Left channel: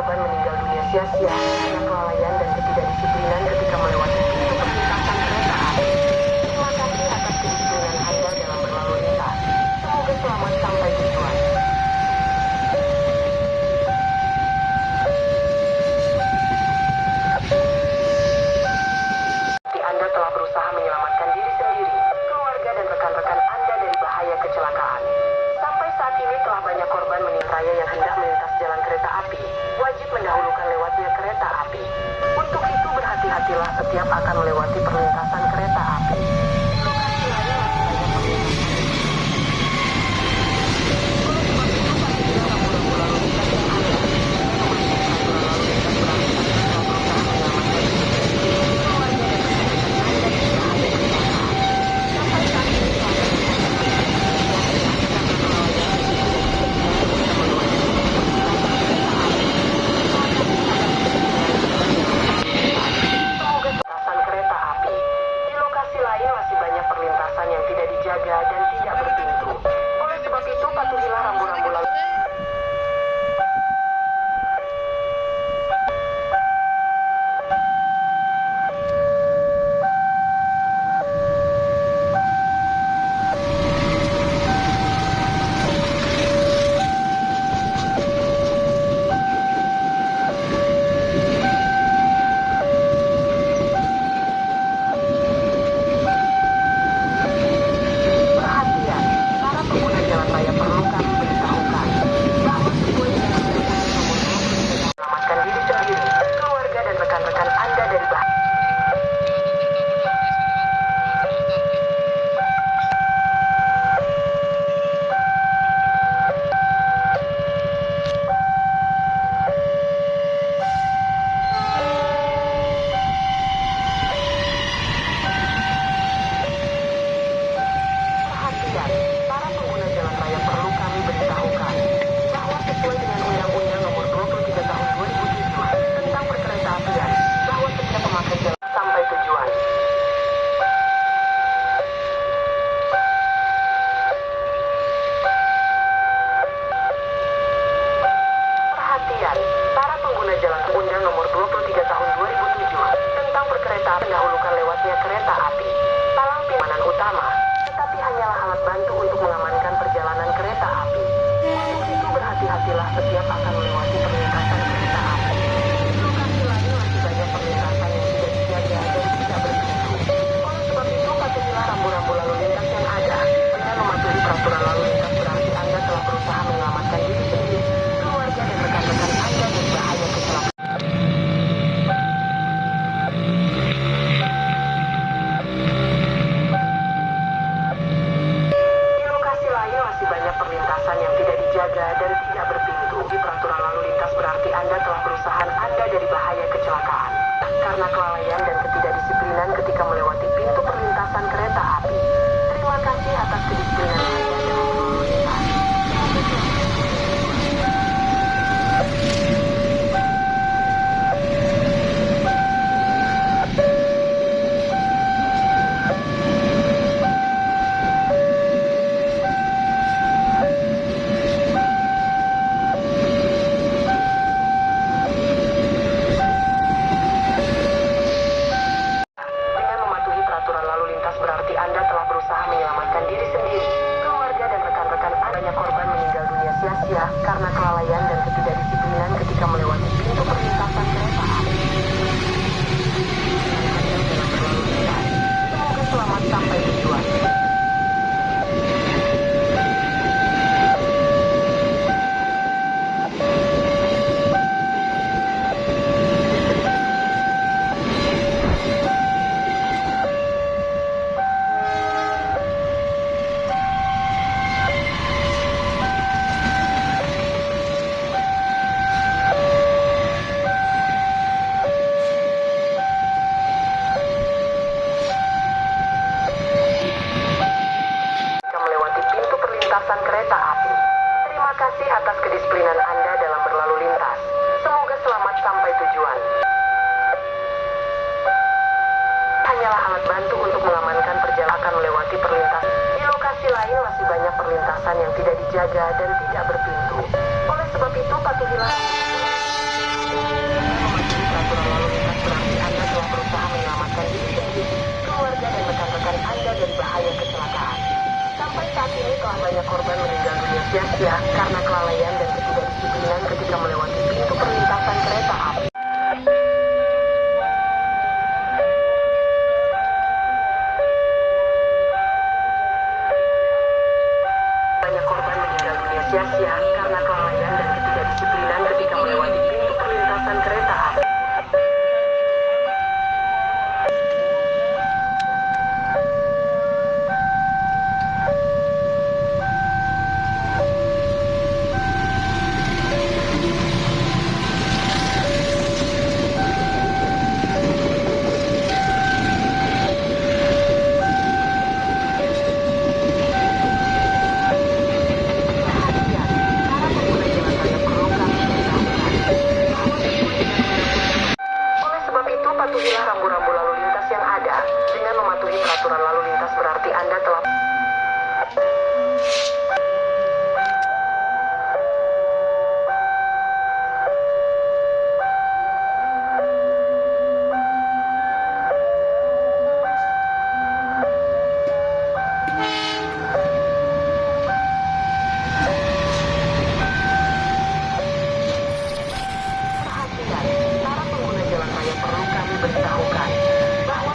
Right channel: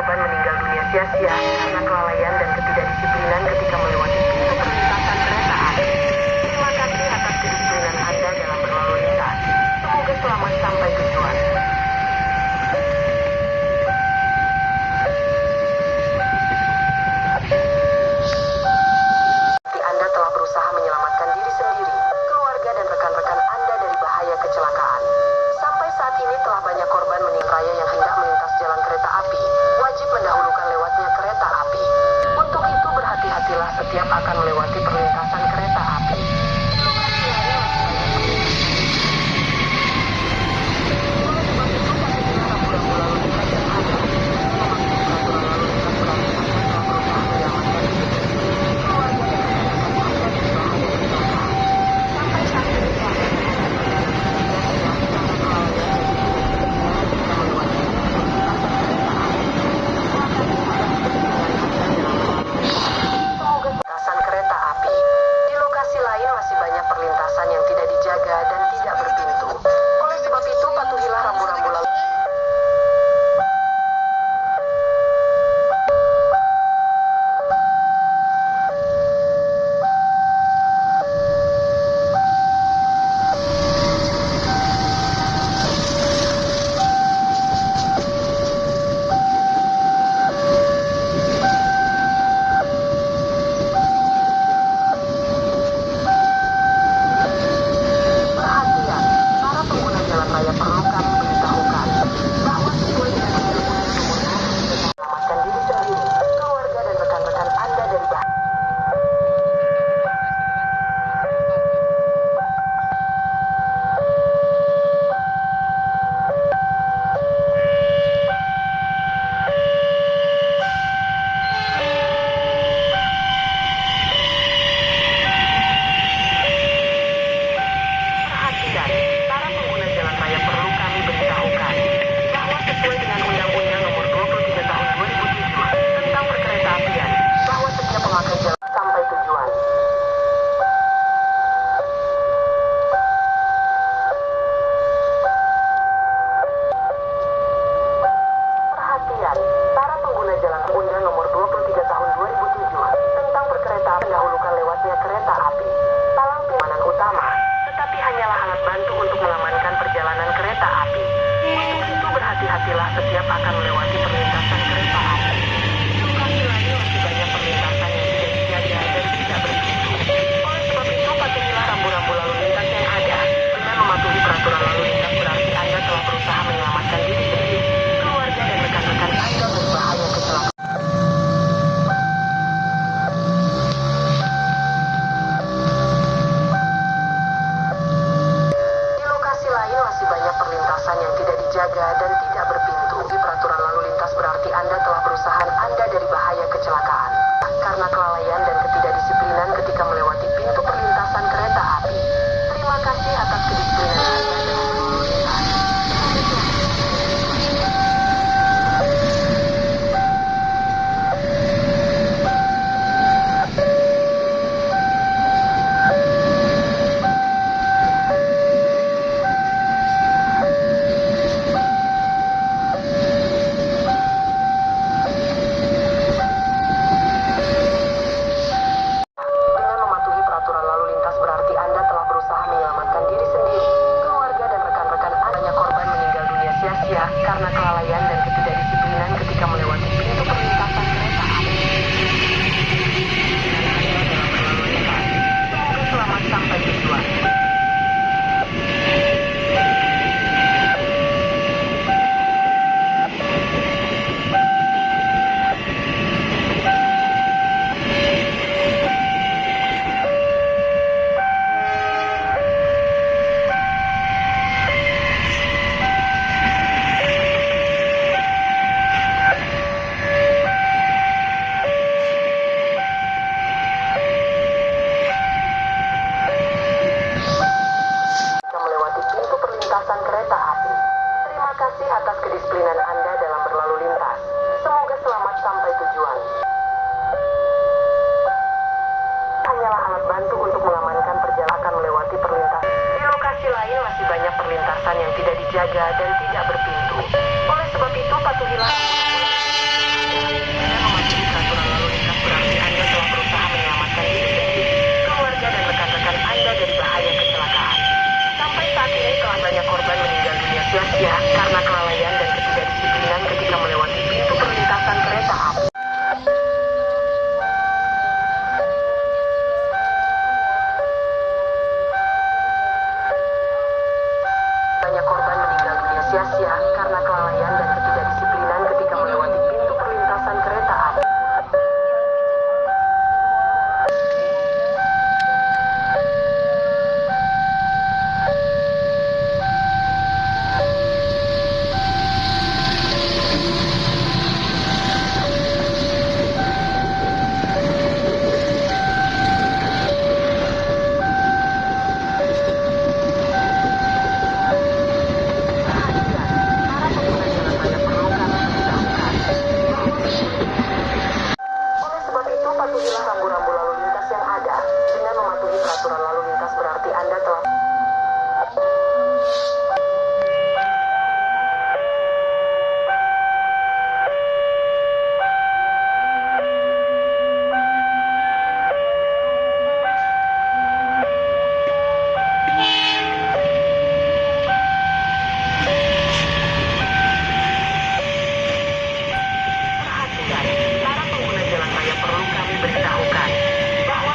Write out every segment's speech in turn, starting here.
korban meninggal dunia sia-sia karena kelalaian dan ketidakdisiplinan ketika melewati pintu perlintasan kereta api. Terima kasih atas kedisiplinan Anda dalam berlalu lintas. Semoga selamat sampai tujuan. Anda telah berusaha menyelamatkan diri sendiri, keluarga dan rekan-rekan Anda dari bahaya kecelakaan. Sampai saat ini telah banyak korban meninggal raya yang hendak melintas jalan kereta api, wajib mendahulukan lewatnya kereta api. Untuk itu berhati-hatilah setiap akan melewati perlintasan kereta api. Perlintasan yang tidak dijaga dan tidak berpintu. Oleh sebab itu, patuhilah rambu-rambu lalu setiap akan melewati perlintasan kereta api. Masih banyak perlintasan yang tidak dijaga dan tidak berpintu. Oleh sebab itu, patuhilah rambu-rambu lalu lintas yang ada. Dengan mematuhi peraturan lalu lintas berarti Anda telah berusaha menyelamatkan diri sendiri, keluarga dan rekan-rekan Anda dari bahaya kecelakaan. Di lokasi lain masih banyak perlintasan yang tidak dijaga dan tidak berpintu. Di peraturan lalu lintas berarti Anda telah berusaha Anda dari bahaya kecelakaan karena kelalaian dan ketidakdisiplinan ketika melewati pintu perlintasan kereta api. Terima kasih atas kedisiplinan Anda. Berarti Anda telah berusaha menyelamatkan diri sendiri, keluarga dan rekan-rekan Anda. Banyak korban meninggal dunia sia-sia karena kelalaian dan ketidakdisiplinan ketika melewati pintu perlintasan kereta api. Semoga selamat sampai tujuan. Kereta api. Terima kasih atas kedisiplinan Anda dalam berlalu lintas. Semoga selamat sampai tujuan. Hanyalah alat bantu untuk mengamankan perjalanan melewati perlintasan. Di lokasi lain masih banyak perlintasan yang tidak dijaga dan tidak berpintu. Oleh sebab itu, patuhilah rambu-rambu. korban meninggal dunia sia-sia karena kelalaian dan ketidakdisiplinan ketika melewati pintu perlintasan kereta api. Banyak korban meninggal dunia sia-sia karena kelalaian dan ketidakdisiplinan ketika melewati pintu perlintasan kereta api. Patuhilah rambu-rambu lalu lintas yang ada. Dengan mematuhi peraturan lalu lintas berarti Anda telah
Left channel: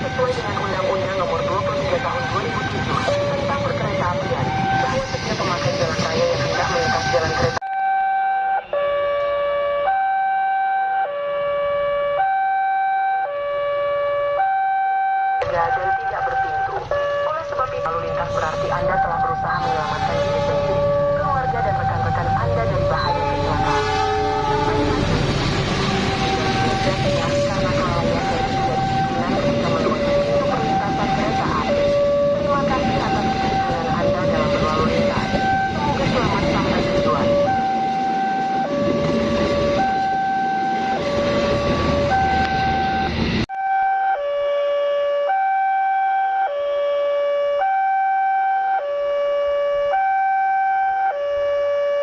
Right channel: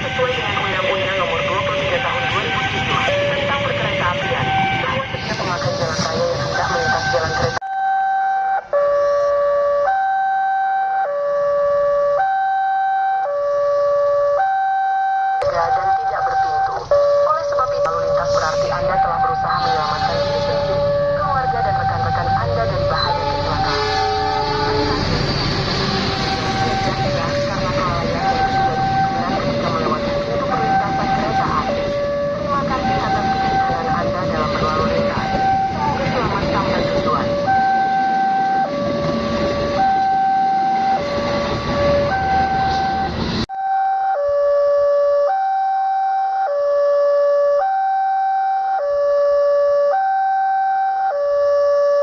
sesuai dengan Undang-Undang Nomor 23 Tahun 2007 tentang Perkeretaapian, bahwa setiap pemakai jalan raya yang hendak melintas jalan kereta dan tidak berpintu. Oleh sebab itu, lalu lintas berarti Anda telah berusaha menyelamatkan diri sendiri, keluarga dan rekan-rekan Anda dari bahaya kecelakaan. Karena kelalaian dan ketidakdisiplinan ketika melewati pintu perlintasan kereta api. Terima kasih atas kedisiplinan Anda dalam berlalu lintas. Semoga selamat sampai tujuan.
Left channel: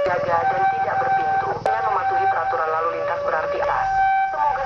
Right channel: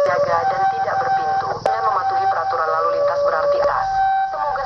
Jaga dan tidak berpintu. Dengan mematuhi peraturan lalu lintas berarti atas. Semoga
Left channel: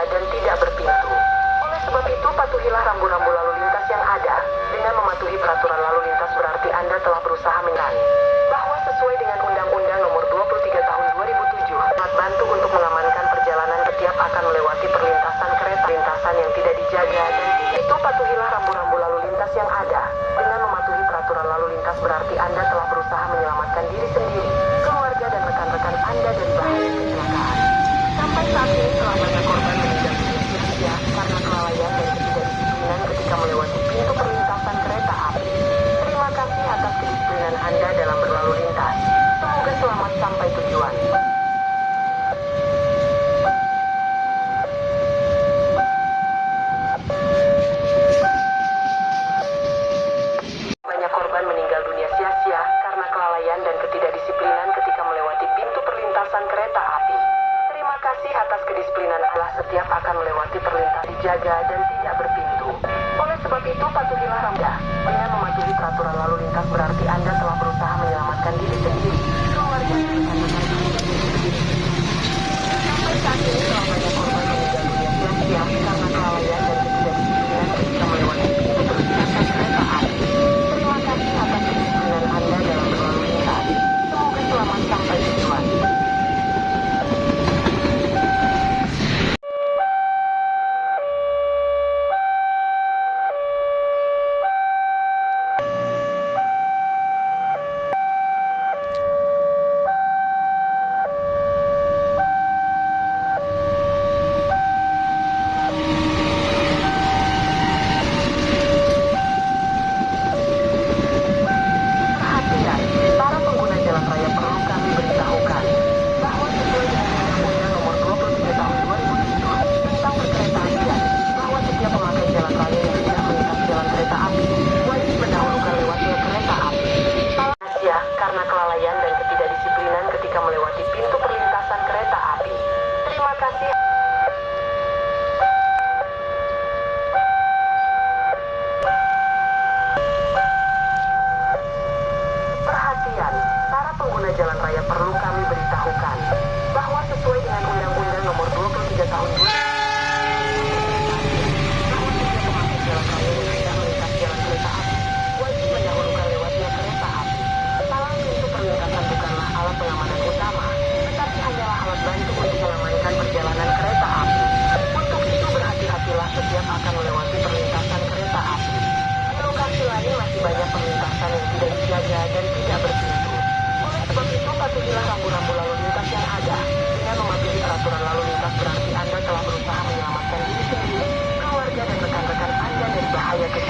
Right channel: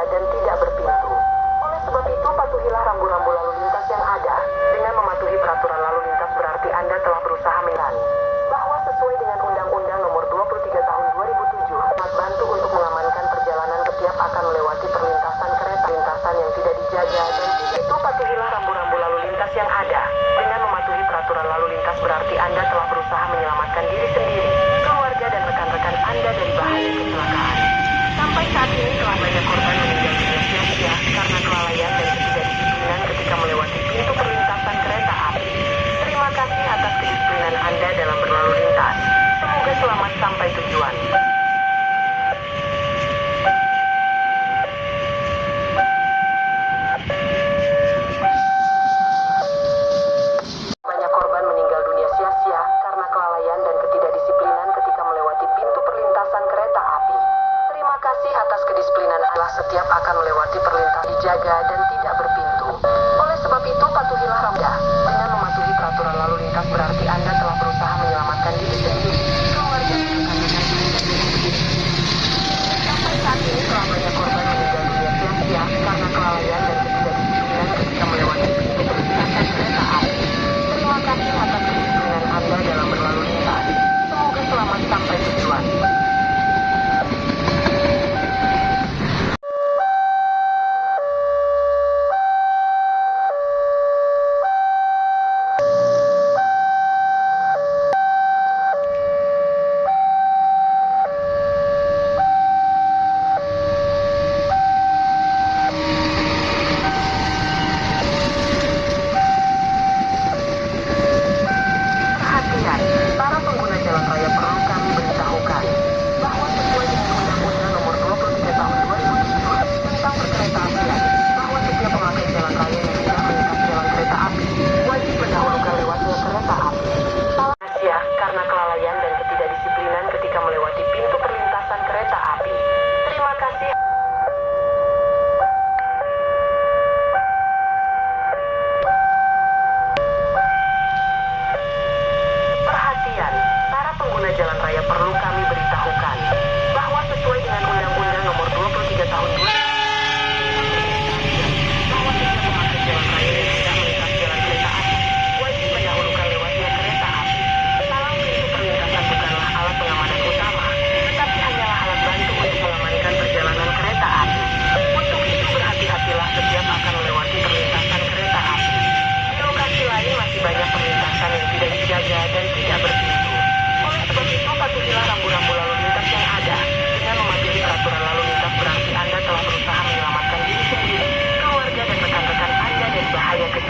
dan tidak berpintu. Oleh sebab itu, patuhilah rambu-rambu lalu lintas yang ada. Dengan mematuhi peraturan lalu lintas berarti Anda telah berusaha menilai bahwa sesuai dengan Undang-Undang Nomor 23 Tahun 2007 alat bantu untuk mengamankan perjalanan setiap akan melewati perlintasan kereta lintasan yang tidak dijaga dan itu patuhilah rambu-rambu lalu lintas yang ada. Dengan mematuhi peraturan lalu lintas berarti Anda telah berusaha menyelamatkan diri sendiri, keluarga dan rekan-rekan Anda dari bahaya kecelakaan. Sampai saat ini telah banyak korban meninggal dunia sia-sia karena kelalaian dan ketidakdisiplinan ketika melewati pintu perlintasan kereta api. Terima kasih atas kedisiplinan Anda dalam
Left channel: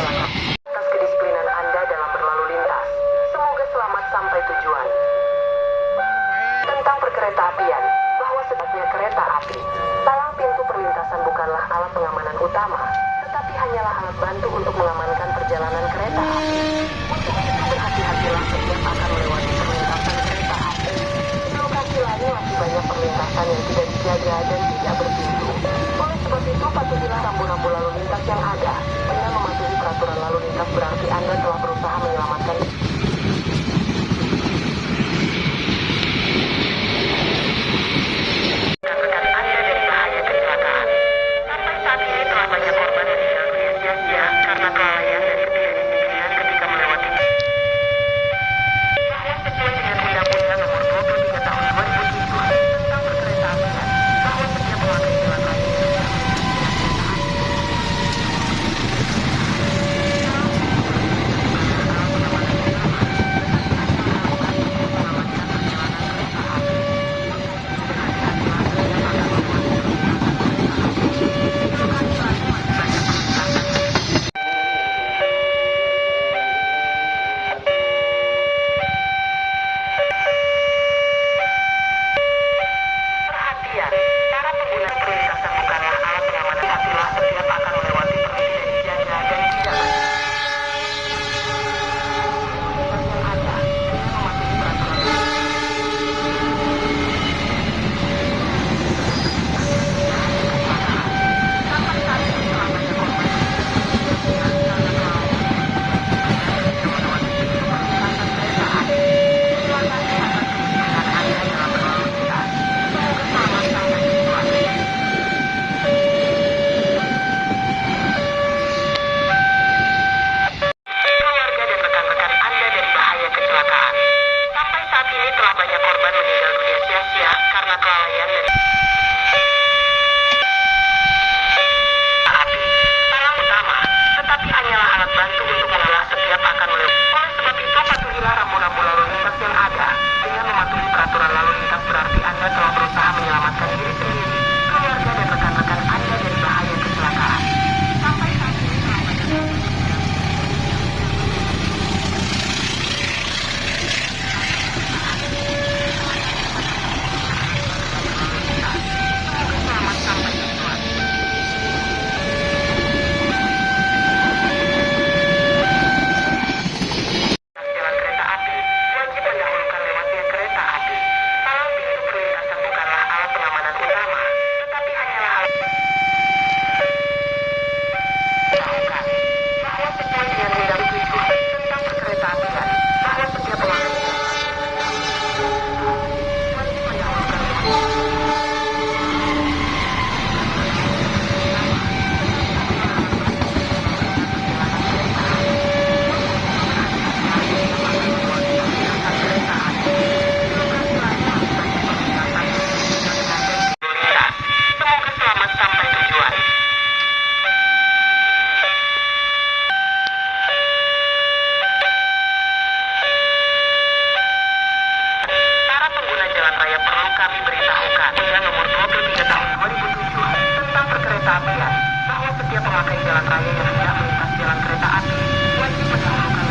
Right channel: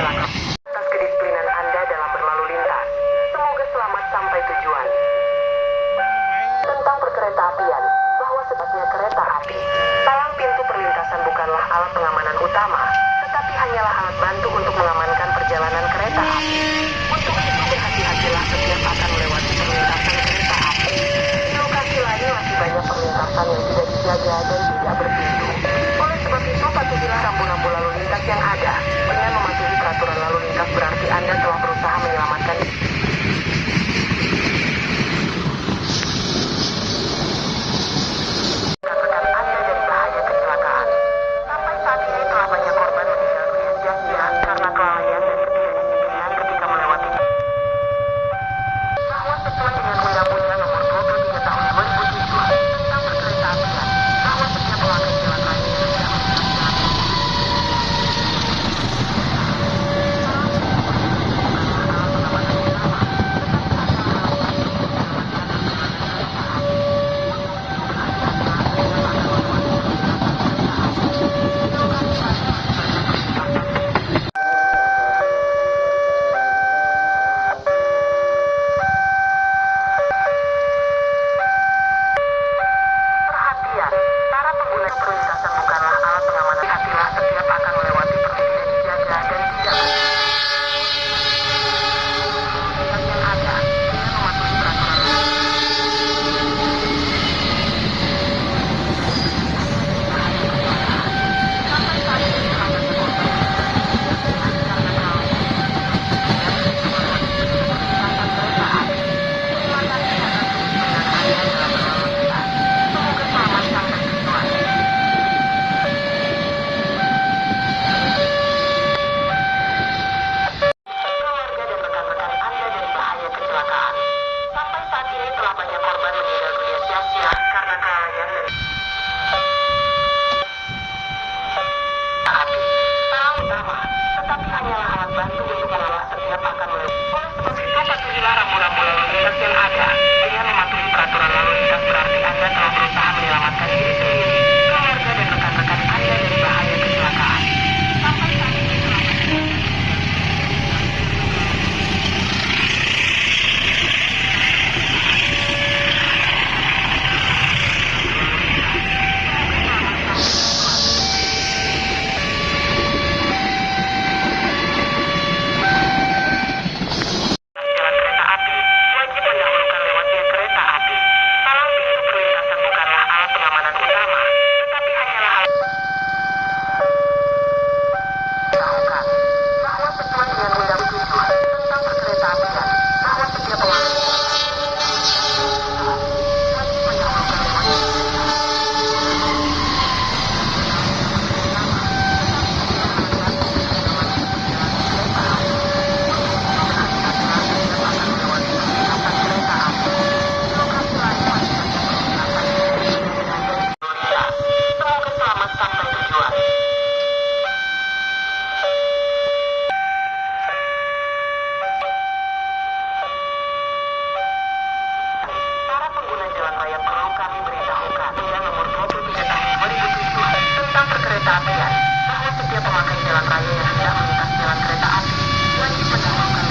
kecelakaan. Atas kedisiplinan Anda dalam berlalu lintas. Semoga selamat sampai tujuan. Tentang perkeretaapian, bahwa sebaiknya kereta api, palang pintu perlintasan bukanlah alat pengamanan utama, tetapi hanyalah alat bantu untuk mengamankan perjalanan kereta api. Untuk itu berhati-hatilah setiap akan melewati perlintasan kereta api. Di lokasi lain masih banyak perlintasan yang tidak dijaga dan tidak berpintu. Oleh sebab itu, patuhilah rambu-rambu lalu lintas yang ada. Dengan mematuhi peraturan lalu lintas berarti Anda telah berusaha menyelamatkan bahwa setiap pemakai jalan raya yang hendak melintas jalan kereta api wajib mendahulukan